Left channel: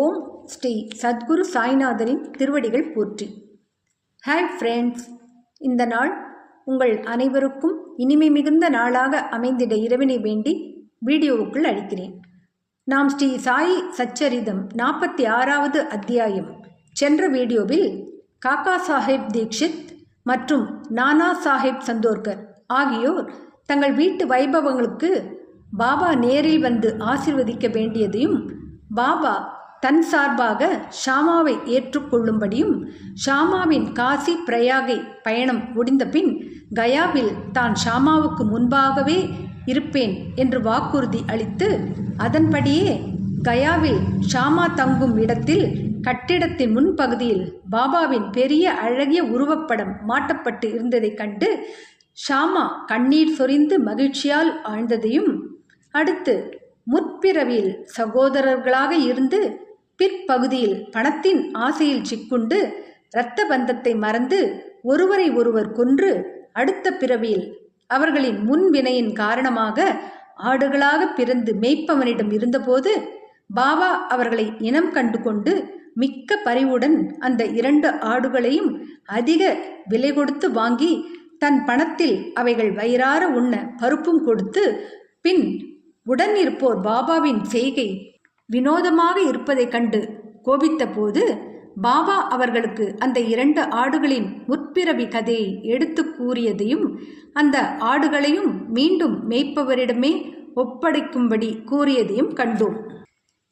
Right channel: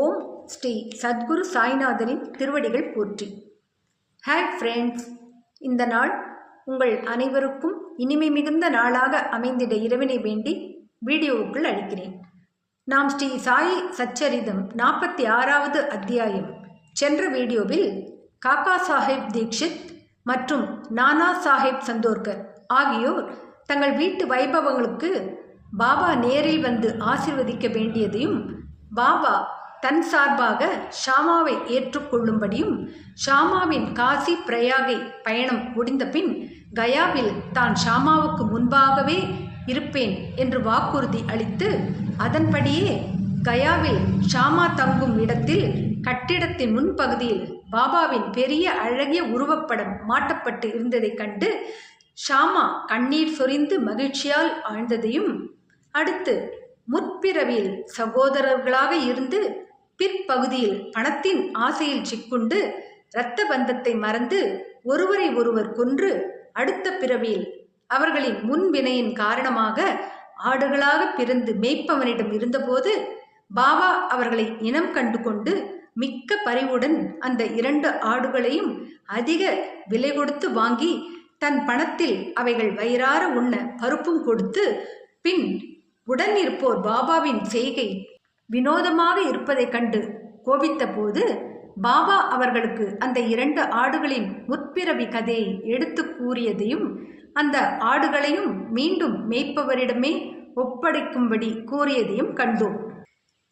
ஓம் ஸ்ரீ சத்குரு சாய்நாதரின் திருவடிகள் போற்றி. Hi friends, இந்த நாள் உங்கள் அனைவருக்கும் இனிமை மிகுந்த நாளாக அமைந்திட இறைவனை வேண்டி வீடியோவுக்குள் அளிக்கிறேன். நாம் ஸ்ரீ சாயி சச்சரிதம் 46வது அத்தியாயம் சென்ற வீடியோவில் காக்கா சாஹேப் தீக்ஷித் மற்றும் நானா சாஹேப் சந்தோர்கர் ஆகியோர் தங்கள் வீட்டு வைபவங்களுக்கு பாபா நேரில் வந்து ஆசீர்வதிக்க வேண்டியதையும், பாபா தன் சார்பாக ஷாமாவை ஏற்றுக்கொள்ளும்படியும், ஷாமாவின் காசி பிரயாகை பயணம் முடிந்த பின் கயாவில் தான் ஷாமாவுக்கு முன்பாகவே இருப்பேன் என்று வாக்குறுதி அளித்து, அதன்படியே கயாவில் ஷாமா தங்கும் இடத்தில் கட்டிடத்தின் முன்பகுதியில் பாபாவின் பெரிய அழகிய உருவப்படம் மாட்டப்பட்டு இருந்ததைக் கண்டு ஷாமா கண்ணீர் சொரிந்து மகிழ்ச்சியால் ஆழ்ந்ததையும், அடுத்து முற்பிறவியில் சகோதரர்களாக இருந்து பிற்பகுதியில் பணத்தின் ஆசையில் சிக்குண்டு இரத்த பந்தத்தை மறந்து ஒருவரை ஒருவர் கொன்று அடுத்த பிறவியில் அவர்களின் முன்வினையின் காரணமாக ஆடுகளாக பிறந்து மேய்ப்பவனிடம் இருந்தபோது பாபா அவர்களை இனம் கண்டு கொண்டு மிக்க பரிவுடன் அந்த 2 ஆடுகளையும் அதிக விலை கொடுத்து வாங்கி தன் பணத்தில் அவைகள் வயிறார உண்ண பருப்பும் கொடுத்து, பின் உடன் இருப்போர் பாபாவின் செய்கை வினோதமாக இருப்பதைக் கண்டு கோபித்த போது பாபா அவர்களுக்கு அந்த 2 ஆடுகளின் முற்பிறவி கதையை எடுத்து கூறியதையும், அந்த ஆடுகளையும் மீண்டும் மேய்ப்பவரிடமே ஒப்படைக்கும்படி கூறியதையும் கண்டோம்.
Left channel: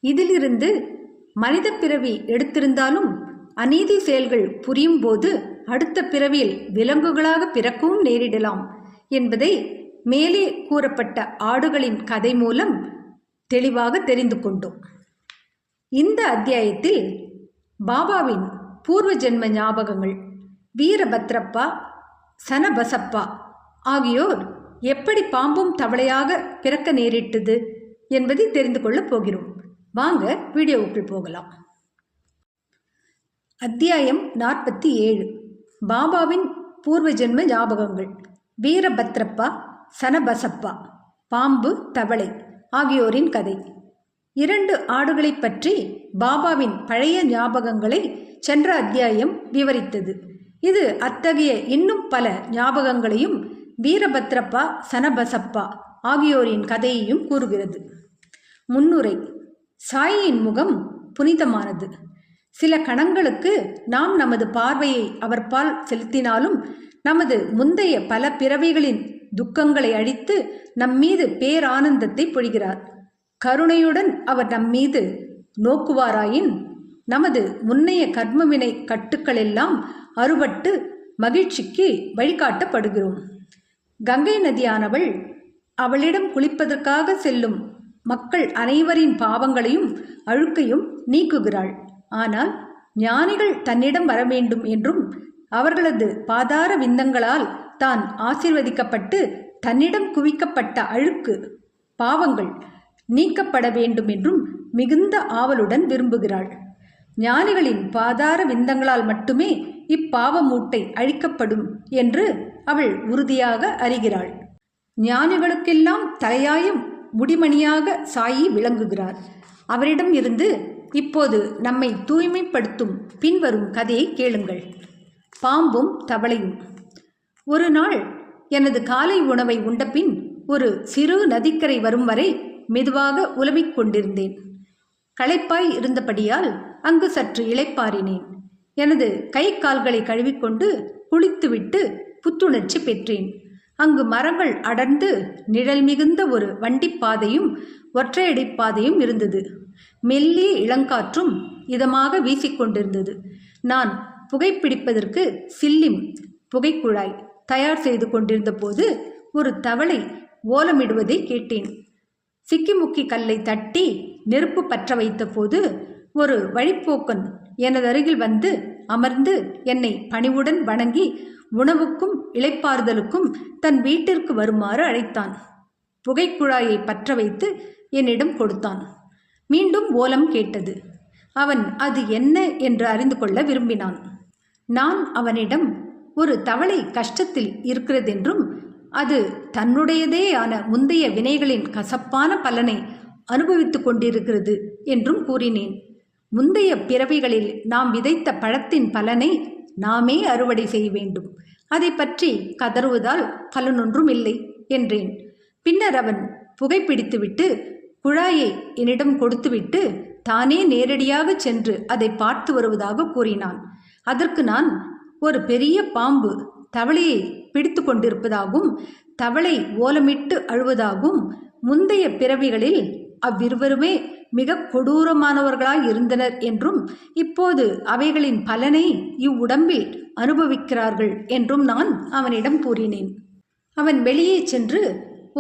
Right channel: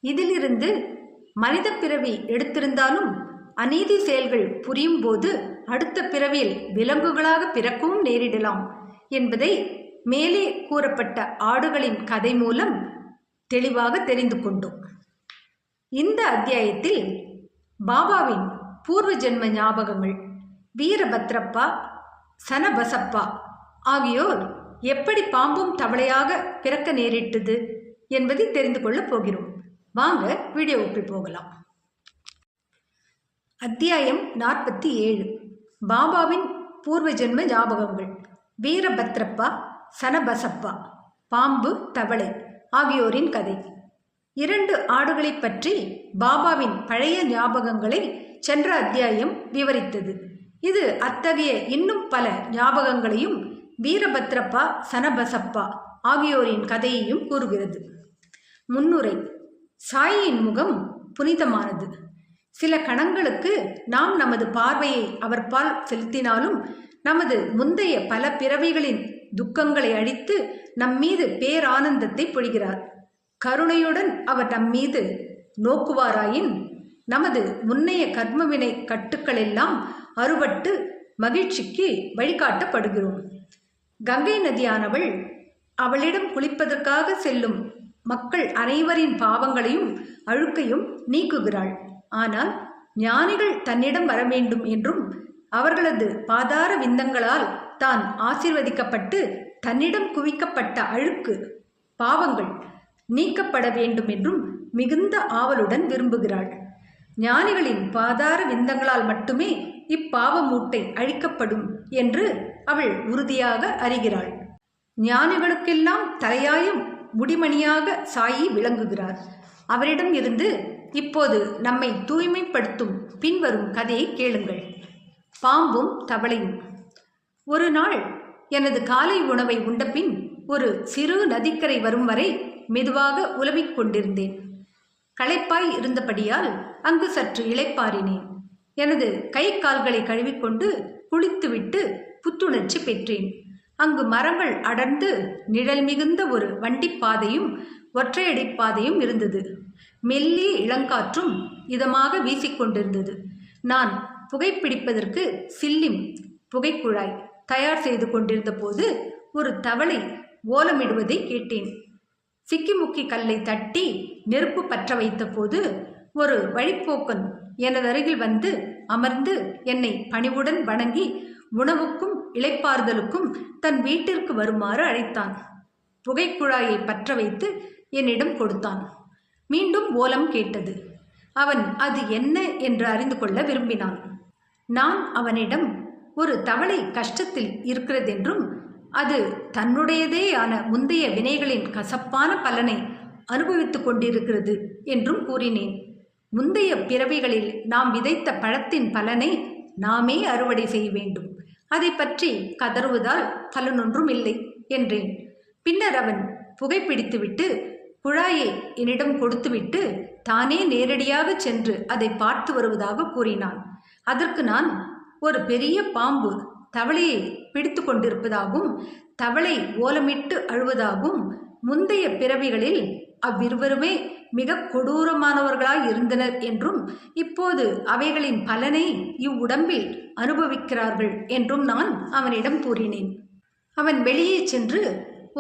இதிலிருந்து மனித பிறவி எடுத்திருந்தாலும் அநீதி செயல்கள் புரியும் போது அடுத்த பிறவியில் விலங்குகளாக பிறக்கவும் நேரிடலாம் என்பதை மேலே கூறப்பட்ட ஆடுகளின் கதை மூலம் தெளிவாக தெரிந்து கொண்டோம். இந்த அத்தியாயத்தில் பாபாவின் பூர்வ ஜென்ம ஞாபகங்கள், வீரபத்ரப்பா, சனபசப்பா ஆகியோர் எப்படி பாம்பும் தவளையாக பிறக்க நேரிட்டது என்பதை தெரிந்து கொள்ளப் போகிறோம். வாங்க வீடியோவுக்குள் போகலாம். அத்தியாயம் 47. பாபாவின் பூர்வ ஜென்ம ஞாபகங்கள். வீரபத்ரப்பா, சனபசப்பா, பாம்பு தவளை ஆகியோரின் கதை. 2 ஆடுகளை பற்றி பாபாவின் பழைய ஞாபகங்களை சென்ற அத்தியாயம் விவரித்தது. இது அத்தகைய இன்னும் பல ஞாபகங்களையும் வீரபத்ரப்பா, சனபசப்பா ஆகியோரின் கதையையும் கூறுகிறது. முன்னுரை. சாயின் முகம் புனிதமானது. சில கணங்களுக்கு நாம் நமது பார்வையை அவர்பால் செலுத்தினாலும் நமது முந்தைய பல பிறவிகளின் துக்கங்களை அழித்து நம்மீது பேரானந்தத்தை பொழிகிறார். கருணையுடன் அவர் நம்மீது நோக்குவாராயின் நமது முன்னைய கர்மவினை கட்டுக்களெல்லாம் அறுபட்டு மகிழ்ச்சிக்கு வழிகாட்டப்படுகிறோம். கங்கை நதியானவள் அவளிடம் குளிப்பதற்காக செல்லும் மக்கள் அனைவரின் பாவங்களையும் அழுக்கையும் நீக்குகிறாள். ஆனால் ஞானிகள் தன்னிடம் வர வேண்டும் என்றும் அவர்களது பாதார விந்தங்களால் தான் ஆசீர்வதிக்கப்பட்டு தன்னிடம் குவிக்கப்பட்ட அழுக்கு பாவங்கள் நீக்கப்பட வேண்டும் என்றும் மிகுந்த ஆவலுடன் விரும்புகிறாள். ஞானிகளின் பாதார விந்தங்களால் மட்டுமே இப்பாவ மூட்டை அழிக்கப்படும் என்று அவள் உறுதியாக அறிகிறாள். ஞானிகளுக்கெல்லாம் தலையாயும் முடிமணியாக சாயி விளங்குகிறார். அவரிடம் இருந்து இப்போது நம்மை தூய்மைப்படுத்தும் பின்வரும் கதையை கேளுங்கள். பாம்பும் தவளையும். ஒரு நாள் எனது காலை உணவை உண்டபின் ஒரு சிறு நதிக்கரை வரும் வரை மெதுவாக உலவிக் கொண்டிருந்தேன். களைப்பாய் இருந்தபடியால் அங்கு சற்று இளைப்பாறினேன். எனது கை கால்களை கழுவிக்கொண்டு குளித்துவிட்டு புத்துணர்ச்சி பெற்றேன். அங்கு மரங்கள் அடர்ந்து நிழல் மிகுந்த ஒரு வண்டிப்பாதையும் ஒற்றையடிப்பாதையும் இருந்தது. மெல்லிய இளங்காற்றும் இதமாக வீசிக்கொண்டிருந்தது. நான் புகைப்பிடிப்பதற்கு சில்லிம் புகைக்குழாய் தயார் செய்து கொண்டிருந்த போது ஒரு தவளை ஓலமிடுவதை கேட்டேன். சிக்கிமுக்கி கல்லை தட்டி நெருப்பு பற்ற வைத்த போது ஒரு வழிப்போக்கன் எனது அருகில் வந்து அமர்ந்து என்னை பணிவுடன் வணங்கி உணவுக்கும் இளைப்பாறுதலுக்கும் தன் வீட்டிற்கு வருமாறு அழைத்தான். புகைக்குழாயை பற்ற வைத்து என்னிடம் கொடுத்தான். மீண்டும் ஓலம் கேட்டது. அவன் அது என்ன என்று அறிந்து கொள்ள விரும்பினான். நான் அவனிடம் ஒரு தவளை கஷ்டத்தில் இருக்கிறதென்றும் அது தன்னுடையதேயான முந்தைய வினைகளின் கசப்பான பலனை அனுபவித்துக் கொண்டிருக்கிறது என்றும் கூறினேன். முந்தைய பிறவிகளில் நாம் விதைத்த பழத்தின் பலனை நாமே அறுவடை செய்ய வேண்டும். அதை பற்றி கதறுவதால் பலனொன்றும் இல்லை என்றேன். பின்னர் அவன் புகைப்பிடித்துவிட்டு குழாயை என்னிடம் கொடுத்துவிட்டு தானே நேரடியாக சென்று அதை பார்த்து வருவதாக கூறினான். அதற்கு நான், ஒரு பெரிய பாம்பு தவளையை பிடித்து கொண்டிருப்பதாகவும் தவளை ஓலமிட்டு அழுவதாகவும் முந்தைய பிறவிகளில் அவ்விருவருமே மிக கொடூரமானவர்களாய் இருந்தனர் என்றும் இப்போது அவைகளின் பலனை இவ்வுடம்பில் அனுபவிக்கிறார்கள் என்றும் நான் அவனிடம் கூறினேன். அவன் வெளியே சென்று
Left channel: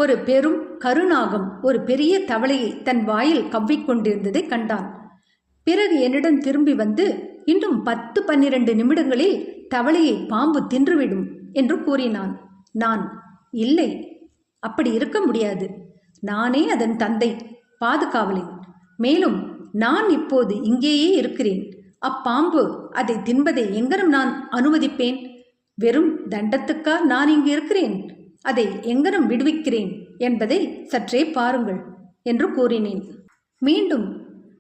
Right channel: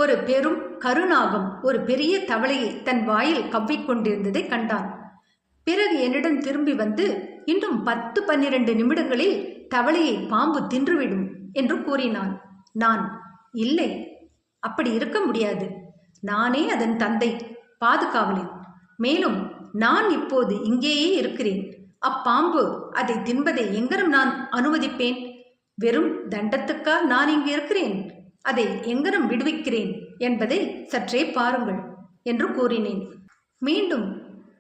ஒரு பெரும் கருநாகம் ஒரு பெரிய தவளையை தன் வாயில் கவ்விக்கொண்டிருந்ததை கண்டான். பிறகு என்னிடம் திரும்பி வந்து, இன்னும் 10-12 நிமிடங்களில் தவளையை பாம்பு தின்றுவிடும் என்று கூறினான். நான், இல்லை, அப்படி இருக்க முடியாது. நானே அதன் தந்தை, பாதுகாவலன். மேலும் நான் இப்போது இங்கேயே இருக்கிறேன். அப்பாம்பு அதை தின்பதை எங்கனம் நான் அனுமதிப்பேன்? வெறும் தண்டத்துக்கா நான் இங்கு இருக்கிறேன்? அதை எங்கனம் விடுவிக்கிறேன் என்பதை சற்றே பாருங்கள் என்று கூறினேன். மீண்டும்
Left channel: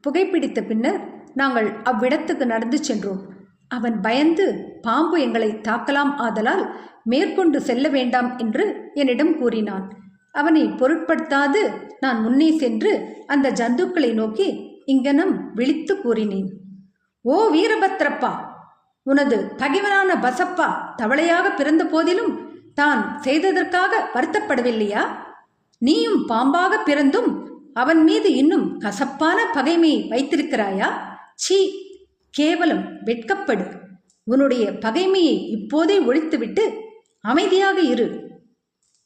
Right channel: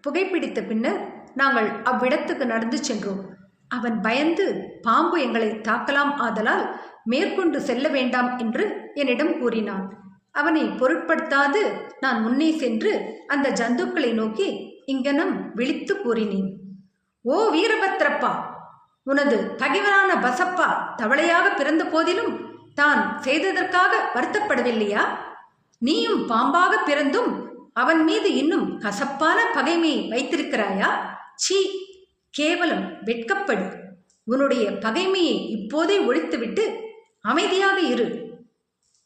புகைப்பிடித்த பின்னர் நாங்கள் அவ்விடத்துக்கு நடந்து சென்றோம். அவன் பயந்து பாம்பு எங்களை தாக்கலாம் ஆதலால் மேற்கொண்டு செல்ல வேண்டாம் என்று என்னிடம் கூறினான். அவனை பொருட்படுத்தாது நான் முன்னே சென்று அந்த ஜந்துக்களை நோக்கி இங்கனம் விழித்து கூறினேன். ஓ வீரபத்ரப்பா, உனது பகைவனான பசப்பா தவளையாக பிறந்த போதிலும் தான் செய்ததற்காக வருத்தப்படவில்லையா? நீயும் பாம்பாக பிறந்தும் அவன் மீது இன்னும் கசப்பான பகைமையை வைத்திருக்கிறாயா? சீ, கேவலம், வெட்கப்படு. உன்னுடைய பகைமையை இப்போதே ஒழித்துவிட்டு அமைதியாக இரு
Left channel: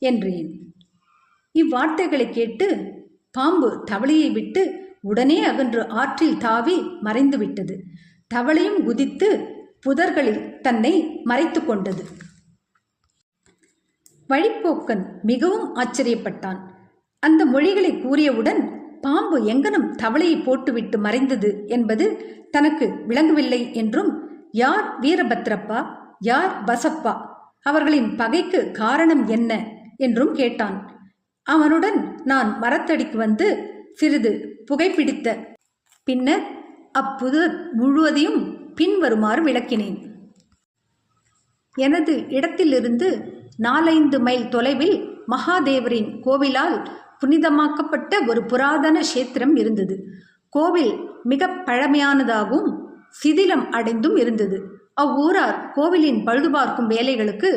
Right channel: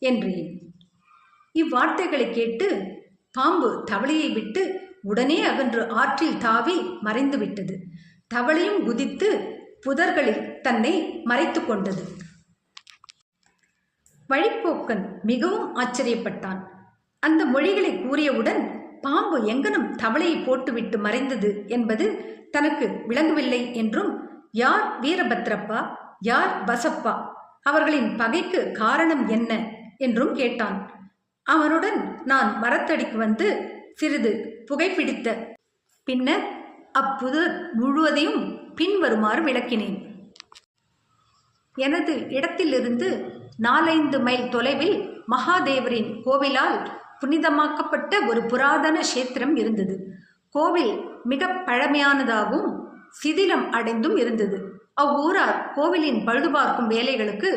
என்றேன். இவ்வார்த்தைகளை கேட்டு பாம்பு தவளையை விட்டு உடனே அகன்று ஆற்றில் தாவி மறைந்து விட்டது. தவளையும் குதித்து புதர்களில் தன்னை மறைத்து கொண்டது. வழிப்போக்கன் மிகவும் ஆச்சரியப்பட்டான். அந்த மொழிகளை கூறியவுடன் பாம்பு எங்கனும் தவளையை போட்டுவிட்டு மறைந்தது என்பது தனக்கு விளங்கவில்லை என்றும், யார் வீரபத்ரப்பா, யார் பசப்பா, அவர்களின் பகைக்கு காரணம் என்ன என்றும் கேட்டான். அவனுடன் நான் மரத்தடிக்கு வந்து சிறிது புகைப்பிடித்த பின்னர் அப்புதர் முழுவதையும் பின்வருமாறு விளக்கினேன். எனது இடத்திலிருந்து 4-5 மைல் தொலைவில் மகாதேவரின் கோவிலால் புனிதமாக்கப்பட்ட ஒரு புராதன கஷேத்திரம் இருந்தது. கோவில் மிக பழமையானதாகவும் சிதிலம் அடைந்தும் இருந்தது. அவ்வூரார் கோவிலின் பழுதுபார்க்கும் வேலைகளுக்கு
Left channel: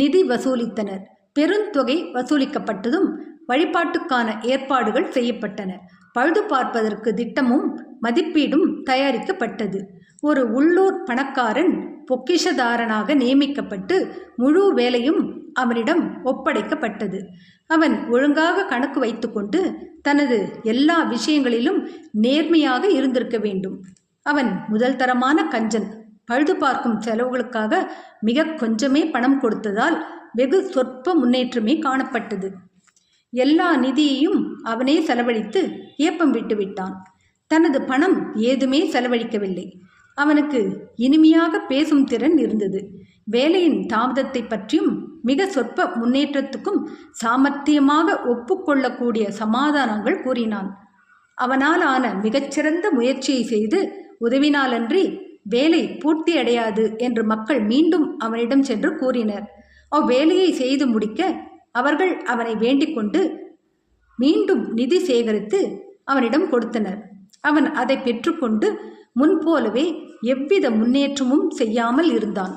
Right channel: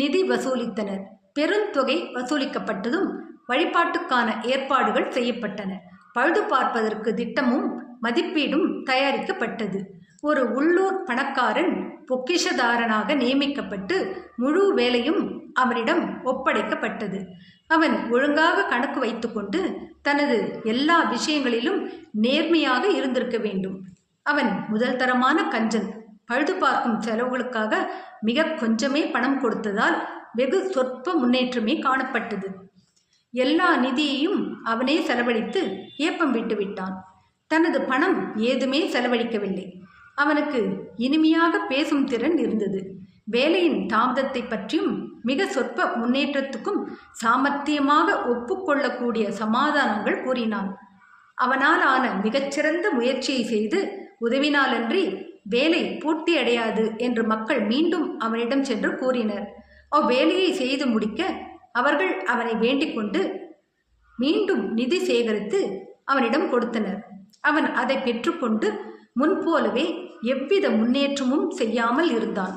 நிதி வசூலித்தனர். பெருந்தொகை வசூலிக்கப்பட்டதும் வழிபாட்டுக்கான ஏற்பாடுகள் செய்யப்பட்டன. பழுது பார்ப்பதற்கு திட்டமும் மதிப்பீடும் தயாரிக்கப்பட்டது. ஒரு உள்ளூர் பணக்காரன் பொக்கிஷதாரனாக நியமிக்கப்பட்டு முழு வேலையும் அவனிடம் ஒப்படைக்கப்பட்டது. அவன் ஒழுங்காக கணக்கு வைத்துக்கொண்டு தனது எல்லா விஷயங்களிலும் நேர்மையாக இருந்திருக்க வேண்டும். அவன் முதல் தரமான கஞ்சன். பழுது பார்க்கும் செலவுகளுக்காக மிக கொஞ்சமே பணம் கொடுத்ததால் வெகு சொற்ப முன்னேற்றமே காணப்பட்டது. எல்லா நிதியையும் அவனே செலவழித்து ஏப்பம் விட்டுவிட்டான். தனது பணம் ஏதுமே செலவழிக்கவில்லை. அவனுக்கு இனிமையாக பேசும் திறன் இருந்தது. வேலையின் தாமதத்தை பற்றியும் மிக சொற்ப முன்னேற்றத்துக்கும் சாமர்த்தியமாக ஒப்புக்கொள்ளக்கூடிய சமாதானங்கள் கூறினான். அவனால் ஆன மிகச்சிறந்த முயற்சியை செய்து உதவினாலன்றி வேலை பூர்த்தி அடையாது என்று மக்கள் மீண்டும் அவனிடம் சென்று கூறினர். அவ்வேலையை செய்து முடிக்க அவர்கள் அவனை வேண்டிக் கொண்டு மீண்டும் நிதி சேகரித்து அவனிடம் கொடுத்தனர். அவன் அதை பெற்றுக்கொண்டு முன்போலவே எவ்வித முன்னேற்றமும் செய்யாமல் இருந்தான்.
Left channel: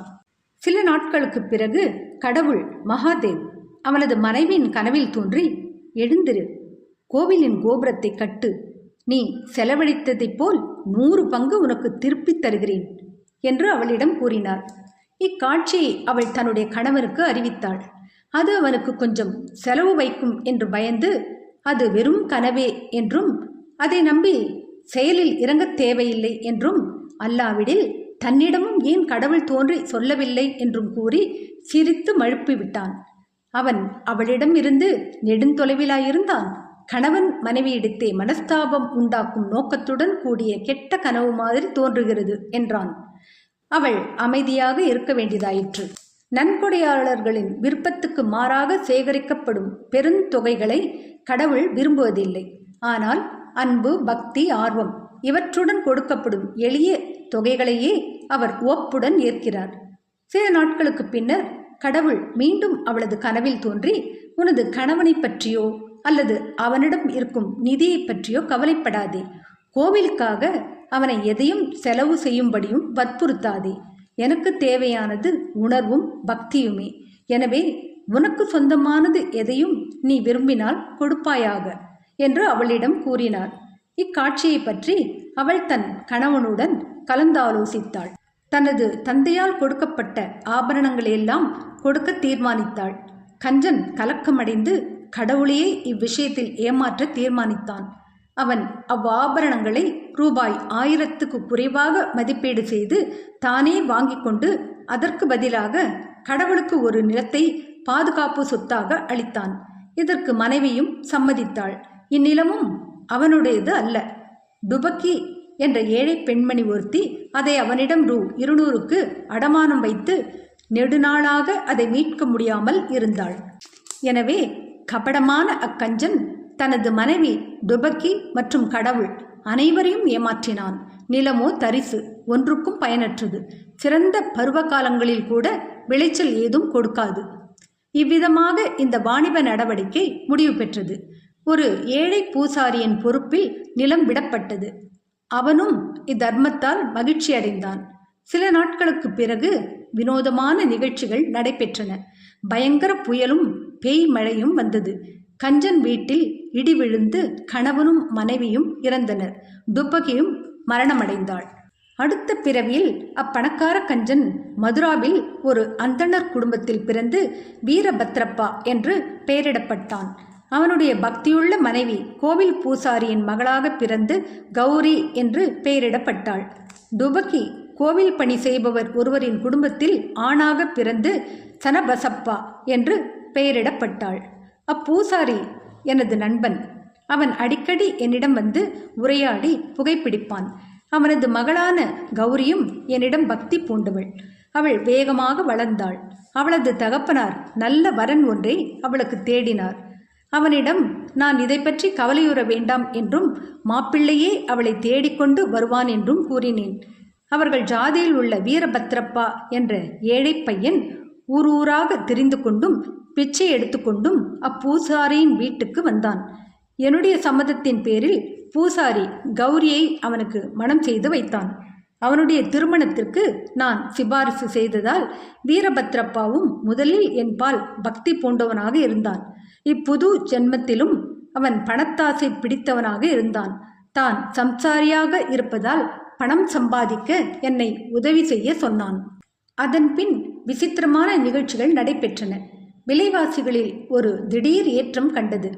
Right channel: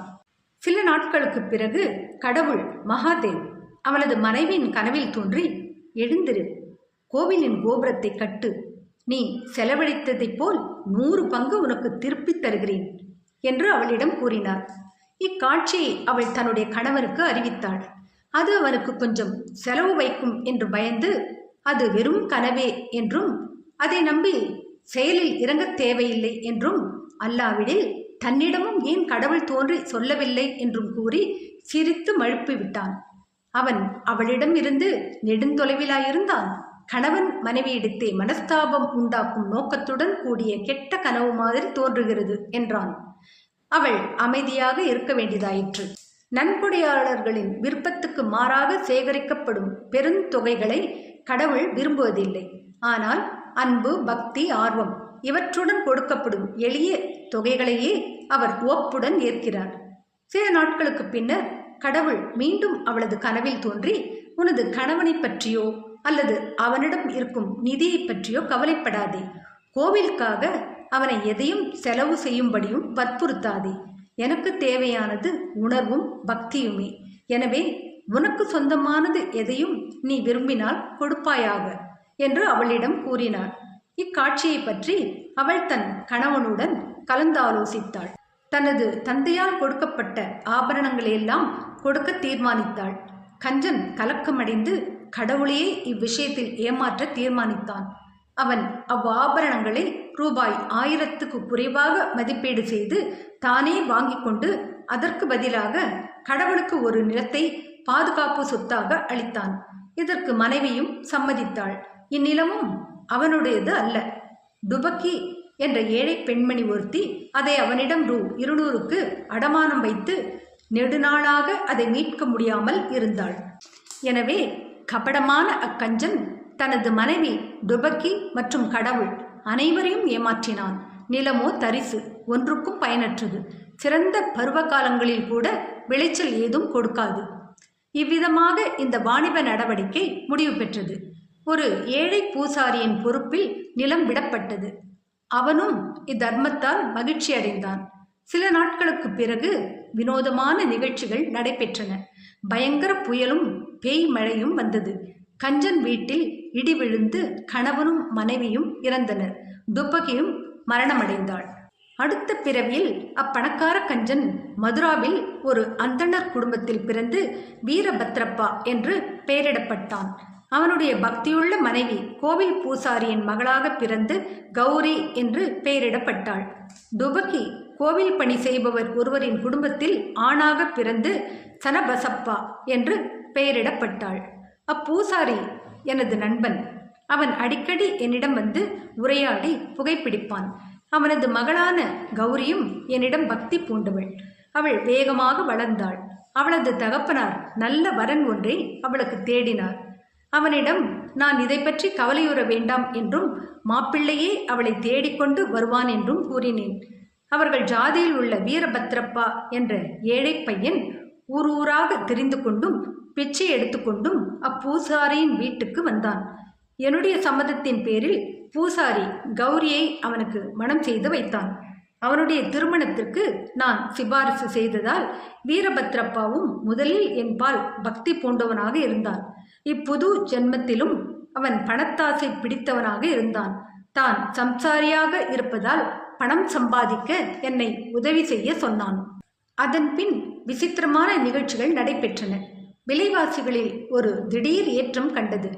சில நாட்களுக்கு பிறகு கடவுள் மகாதேவ் அவனது மனைவியின் கனவில் தோன்றி, எழுந்திரு, கோவிலின் கோபுரத்தை கட்டு, நீ செலவழித்ததைப் போல் 100 பங்கு உனக்கு திருப்பித் தருகிறேன் என்று அவளிடம் கூறினார். இக்காட்சியை அவள் தன்னுடைய கணவனுக்கு அறிவித்தாள். அது அவனுக்கு கொஞ்சம் செலவு வைக்கும் என்று பயந்து அது வெறும் கனவே என்றும் அதை நம்பி செயலில் இறங்கத் தேவையில்லை என்றும், அல்லாவிடில் தன்னிடமும் ஏன் கடவுள் தோன்றி சொல்லவில்லை என்றும் கூறி சிரித்து மழுப்பி விட்டான். அவன் அவளிடம் இருந்து நெடுந்தொலைவிலாயிருந்தான். கணவன் மனைவியிடத்தே மனஸ்தாபம் உண்டாக்கும் நோக்கத்துடன் கூடிய கெட்ட கனவு மாதிரி தோன்றுகிறது என்றான். அவள் அமைதியாக இருக்க வேண்டியதாயிற்று. நன்கொடையாளர்களின் விருப்பத்துக்கு மாறாக சேகரிக்கப்படும் பெருந்தொகைகளை கடவுள் விரும்புவதில்லை. ஆனால் அன்பு, பக்தி, ஆர்வம் இவற்றுடன் கொடுக்கப்படும் எளிய தொகைகளையே அவர் ஒப்புடன் ஏற்கிறார். சில நாட்களுக்கு பின்னர் கடவுள் மீண்டும் அவளது கனவில் தோன்றி, உனது கணவனை பற்றியோ அல்லது அவனிடம் இருக்கும் நிதியை பற்றியோ கவலைப்படாதே. கோவிலுக்காக அவனை எதையும் செலவு செய்யும்படியும் வற்புறுத்தாதே. எனக்கு தேவையானது உணர்வும் பக்தியுமே. எனவே உனக்கு சொந்தமானது எதையும் நீ விரும்பினால் கொடுப்பாயாக என்று அவளிடம் கூறினார். இக்காட்சியை பற்றி அவள் தன் கணவனுடன் கலந்தாலோசித்தாள். தனது தந்தையால் கொடுக்கப்பட்ட ஆபரணங்களையெல்லாம் கொடுக்க தீர்மானித்தாள். கஞ்சன் கலக்கமடைந்து கடவுளையே இவ்விஷயத்தில் ஏமாற்ற தீர்மானித்தான். அவன் அவ்வாபரணங்களை ரூபாய் 1000க்கு குறைவாக மதிப்பீடு செய்து தானே வாங்கி கொண்டு அதற்கு பதிலாக கடவுளுக்கு ஒரு நிலத்தை பாதுகாப்பு சொத்தாக அளித்தான். இதற்கு மனைவியும் சம்மதித்தாள். இந்நிலமும் அவனுடையது அல்ல. டுபக்கி என்ற ஏழை பெண்மணி ஒருத்தி அதை அவனிடம் ரூ. 200க்கு அடமானம் வைத்து நெடுநாளாக அதை மீட்க முடியாமல் இருந்தாள். எனவே கபடமான அக்கஞ்சன் தனது மனைவி டுபக்கி மற்றும் கடவுள் அனைவரையும் ஏமாற்றினான். நிலமோ தரிசு, ஒன்றுக்கும் பயனற்றது. சிறந்த பருவ காலங்களில் கூட விளைச்சல் ஏதும் கொடுக்காது. இவ்விதமாக இந்த வாணிப நடவடிக்கை முடிவு பெற்றது. ஒரு ஏழை பூசாரியின் பொறுப்பில் நிலம் விடப்பட்டது. அவனும் இத்தர்மத்தால் மகிழ்ச்சி அடைந்தான். சில நாட்களுக்கு பிறகு வினோதமான நிகழ்ச்சிகள் நடைபெற்றன. பயங்கர புயலும் பேய் மழையும் வந்தது. கஞ்சன் வீட்டில் இடி விழுந்து கணவனும் மனைவியும் இறந்தனர். துப்பகியும் மரணமடைந்தாள். அடுத்த பிறவியில் அப்பணக்கார கஞ்சன் மதுராவில் ஒரு அந்தணர் குடும்பத்தில் பிறந்து வீரபத்ரப்பா என்று பெயரிடப்பட்டான். அவனுடைய பக்தியுள்ள மனைவி கோவில் பூசாரியின் மகளாக பிறந்து கௌரி என்று பெயரிடப்பட்டாள். டுபகி கோவில் பணி செய்பவர் ஒருவரின் குடும்பத்தில் ஆணாக பிறந்து சனபசப்பா என்று பெயரிடப்பட்டாள். அப்பூசாரி எனது நண்பன். அவன் அடிக்கடி என்னிடம் வந்து உரையாடி புகைப்பிடிப்பான். அவனது மகளான கௌரியும் என்னிடம் பக்தி பூண்டவள். அவள் வேகமாக வளர்ந்தாள். அவளது தகப்பனார் நல்ல வரன் ஒன்றை அவளுக்கு தேடினார். அவனிடம் நான் இதை பற்றி கவலையுற வேண்டாம் என்றும் மாப்பிள்ளையே அவளை தேடிக்கொண்டு வருவான் என்றும் கூறினேன். அவர்கள் ஜாதியில் உள்ள வீரபத்ரப்பா என்ற ஏழை பையன் ஊரூராக தெரிந்து கொண்டும் பிச்சை எடுத்துக்கொண்டும் அப்பூசாரியின் வீட்டுக்கு வந்தான். என்னுடைய சம்மதத்தின் பேரில் பூசாரி கௌரியை அவனுக்கு மணம் செய்து வைத்தான். அவனுடைய திருமணத்திற்கு நான் சிபாரிசு செய்ததால் வீரபத்ரப்பாவும் முதலில் என்பால் பக்தி பூண்டவனாக இருந்தான். இப்புது ஜென்மத்திலும் அவன் பணத்தாசை பிடித்தவனாக இருந்தான். தான் சம்சாரியாக இருப்பதால் பணம் சம்பாதிக்க என்னை உதவி செய்ய சொன்னான். அதன்பின் விசித்திரமான நிகழ்ச்சிகள் நடைபெற்றன. விலைவாசிகளில் ஒரு திடீர் ஏற்றம் கண்டது.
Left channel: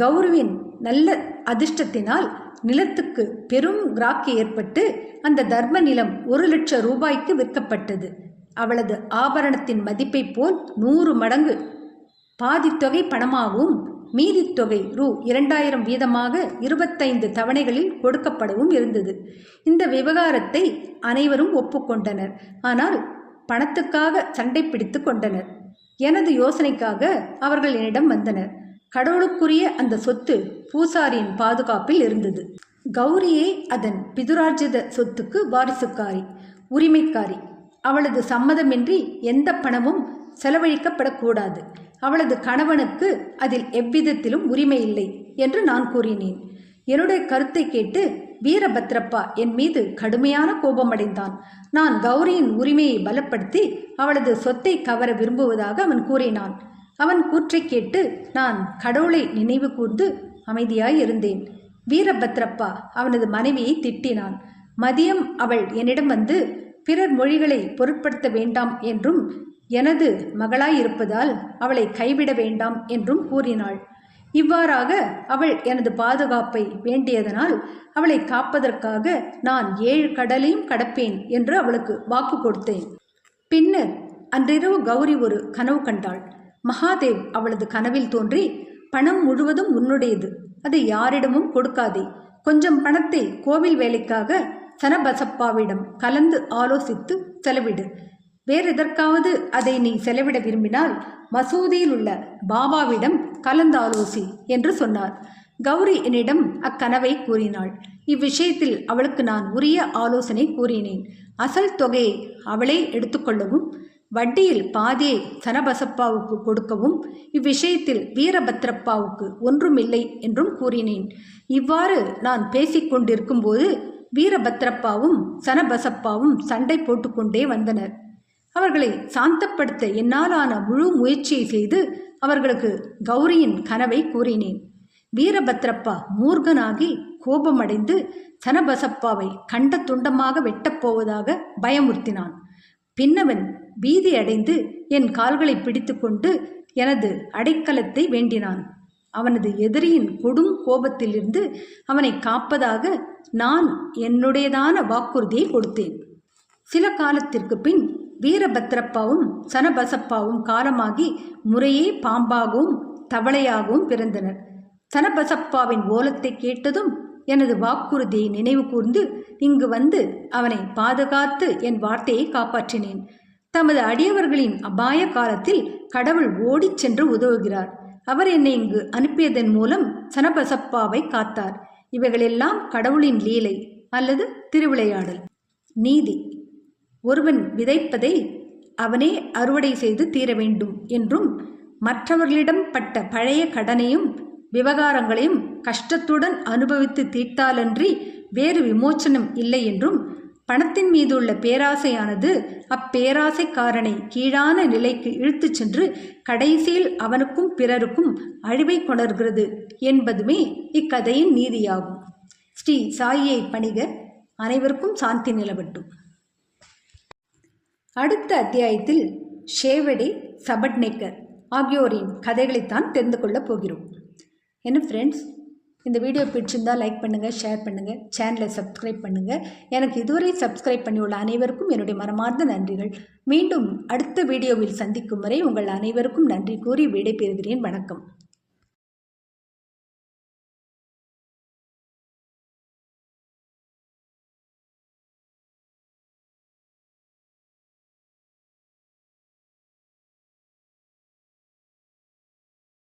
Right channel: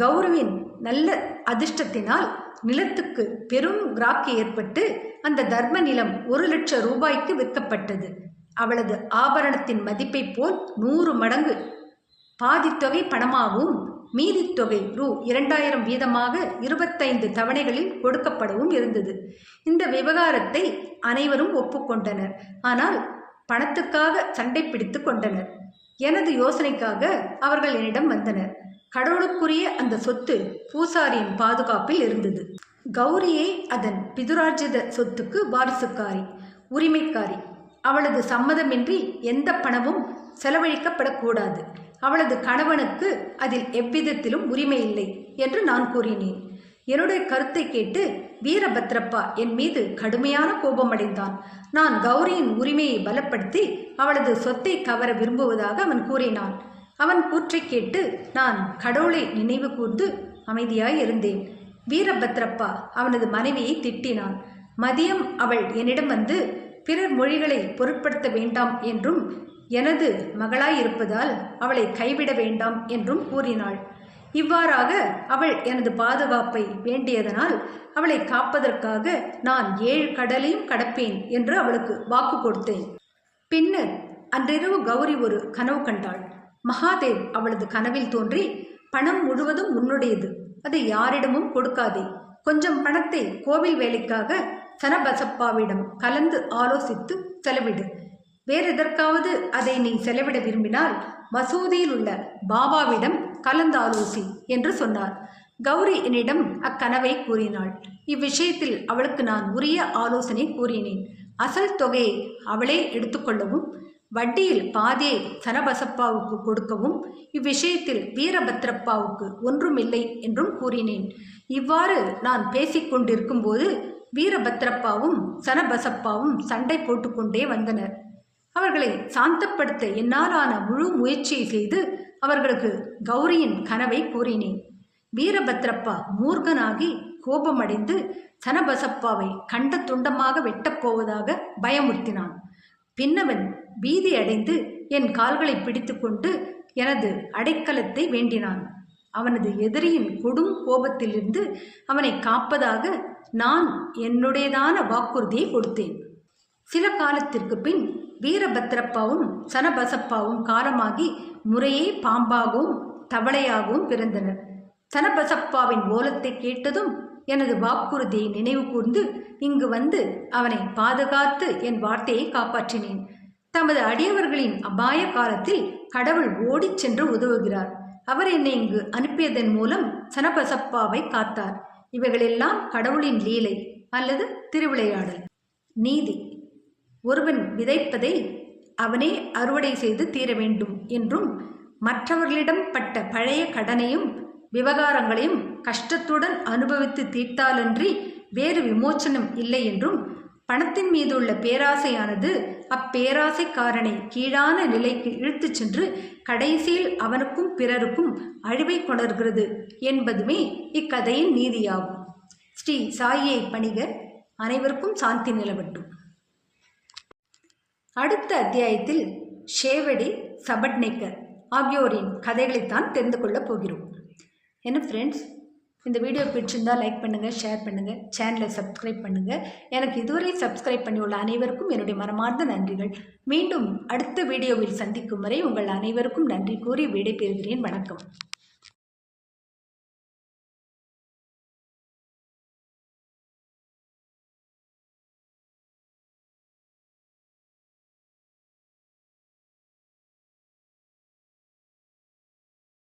கௌரவின் நல்ல அதிர்ஷ்டத்தினால் நிலத்துக்கு பெரும் கிராக்கி ஏற்பட்டு அந்த தர்ம நிலம் 1,00,000 ரூபாய்க்கு விற்கப்பட்டது. அவளது ஆபரணத்தின் மதிப்பை போல் 100 மடங்கு பாதித்தொகை பணமாகவும் மீதித்தொகை ரூ. 2000 வீதமாக 25 தவணைகளில் கொடுக்கப்படவும் இருந்தது. இந்த விவகாரத்தை அனைவரும் ஒப்புக்கொண்டனர். ஆனால் பணத்துக்காக சண்டை பிடித்து கொண்டனர். எனது யோசனைக்காக அவர்கள் என்னிடம் வந்தனர். கடவுளுக்குரிய அந்த சொத்து பூசாரியின் பாதுகாப்பில் இருந்தது. கௌரியே அதன் பிதுரார்ஜித சொத்துக்கு வாரிசுக்காரி, உரிமைக்காரி. அவளது சம்மதமின்றி எந்த பணமும் செலவழிக்கப்படக்கூடாது. அவளது கணவனுக்கு அதில் எவ்விதத்திலும் உரிமை இல்லை என்று நான் கூறினேன். என்னுடைய கருத்தை கேட்டு வீரபத்ரப்பா என் மீது கடுமையான கோபமடைந்தான். நான் கௌரியின் உரிமையை பலப்படுத்தி அவளது சொத்தை கவர விரும்புவதாக அவன் கூறினான். அவன் கூற்றை கேட்டு நான் கடவுளை நினைவு கூர்ந்து அமைதியாய் இருந்தேன். வீரபத்ரப்பா அவனது மனைவியை திட்டினான். மதியம் அவள் என்னிடம் வந்து பிறர் மொழிகளை பொருட்படுத்த வேண்டாம் என்றும் எனது மகளாயிருப்பதால் அவளை கைவிட வேண்டாம் என்றும் கூறினாள். இவ்வாறாக அவள் எனது பாதுகாப்பை வேண்டியதனால் அவளை காப்பதற்காக நான் 7 கடலையும் கடப்பேன் என்று அவளுக்கு வாக்கு கொடுத்தேன். பின்னர் அன்றிரவு கௌரி ஒரு கனவு கண்டாள். மகாதேவ் அவளது கனவில் தோன்றி, பணம் முழுவதும் உன்னுடையது, அதை யாரிடமும் கொடுக்காதே. கொஞ்சம் பணத்தை கோவில் வேலைக்காக சனபசப்பாவிடம் கலந்து ஆலோசித்து செலவிடு. வேறெதற்காவது அதை நீ செலவிட விரும்பினால் மசூதியில் உள்ள பாபாவிடம் கலந்து ஆலோசி என்று சொன்னார். கௌரி என்னிடம் அக்கனவை கூறினாள். இவ்விஷயத்தில் அவளுக்கு நான் உரிய ஆலோசனை கூறினேன். அசல் தொகையை அவளே எடுத்துக்கொள்ளவும் வட்டியில் பாதியை சனபசப்பாவுக்கு கொடுக்கவும் இவ்விஷயத்தில் வீரபத்ரப்பாவுக்கு ஒன்றுமில்லை என்றும் கூறினேன். இவ்வாறு நான் பேசிக்கொண்டிருக்கும் போது வீரபத்ரப்பாவும் சனபசப்பாவும் சண்டை போட்டுக்கொண்டே வந்தனர். அவர்களை சாந்தப்படுத்த என்னாலான முழு முயற்சியை செய்து அவர்களுக்கு கௌரியின் கனவை கூறினேன். வீரபத்ரப்பா மூர்கனாகி கோபமடைந்து சனபசப்பாவை கண்ட துண்டமாக வெட்டப்போவதாக பயமுறுத்தினான். பின்னவன் பீதி அடைந்து என் கால்களை பிடித்து கொண்டு எனது அடைக்கலத்தை வேண்டினான். அவனது எதிரியின் கொடும் கோபத்திலிருந்து அவனை காப்பதாக நான் என்னுடையதான வாக்குறுதியை கொடுத்தேன். சில காலத்திற்கு பின் வீரபத்ரப்பாவும் சனபசப்பாவும் காலமாகி முறையே பாம்பாகவும் தவளையாகவும் பிறந்தனர். சனபசப்பாவின் ஓலத்தை கேட்டதும் எனது வாக்குறுதியை நினைவு கூர்ந்து இங்கு வந்து அவனை பாதுகாத்து என் வார்த்தையை காப்பாற்றினேன். தமது அடியவர்களின் அபாய காலத்தில் கடவுள் ஓடிச் சென்று உதவுகிறார். அவர் என்னை இங்கு அனுப்பியதன் மூலம் சனபசப்பாவை காத்தார். இவைகளெல்லாம் கடவுளின் லீலை அல்லது திருவிளையாடல். நீதி: ஒருவன் விதைப்பதை அவனே அறுவடை செய்து தீர வேண்டும் என்றும், மற்றவர்களிடம் பட்ட பழைய கடனையும் விவகாரங்களையும் கஷ்டத்துடன் அனுபவித்து தீர்த்தாலன்றி வேறு விமோச்சனம் இல்லை என்றும், பணத்தின் மீது உள்ள பேராசையானது அப்பேராசைக்காரனை கீழான நிலைக்கு இழுத்துச் சென்று கடைசியில் அவனுக்கும் பிறருக்கும் அழிவை கொணர்கிறது என்பதுமே இக்கதையின் நீதியாகும். ஸ்ரீ சாயியை பணிக. அனைவருக்கும் சாந்தி நிலவட்டும். அடுத்த அத்தியாயத்தில் ஷேவடி, சபட்நேக்கர் ஆகியோரின் கதைகளைத்தான் தெரிந்து கொள்ளப் போகிறோம். என்ன ஃப்ரெண்ட்ஸ், இந்த வீடியோ பிடிச்சிருந்தால் லைக் பண்ணுங்கள், ஷேர் பண்ணுங்கள், சேனலை சப்ஸ்கிரைப் பண்ணுங்கள். எனக்கு இதுவரை சப்ஸ்கிரைப் பண்ணியுள்ள அனைவருக்கும் என்னுடைய மனமார்ந்த நன்றிகள். மீண்டும் அடுத்த வீடியோவில் சந்திக்கும் வரை உங்கள் அனைவருக்கும் நன்றி கூறி விடைபெறுகிறேன். வணக்கம்.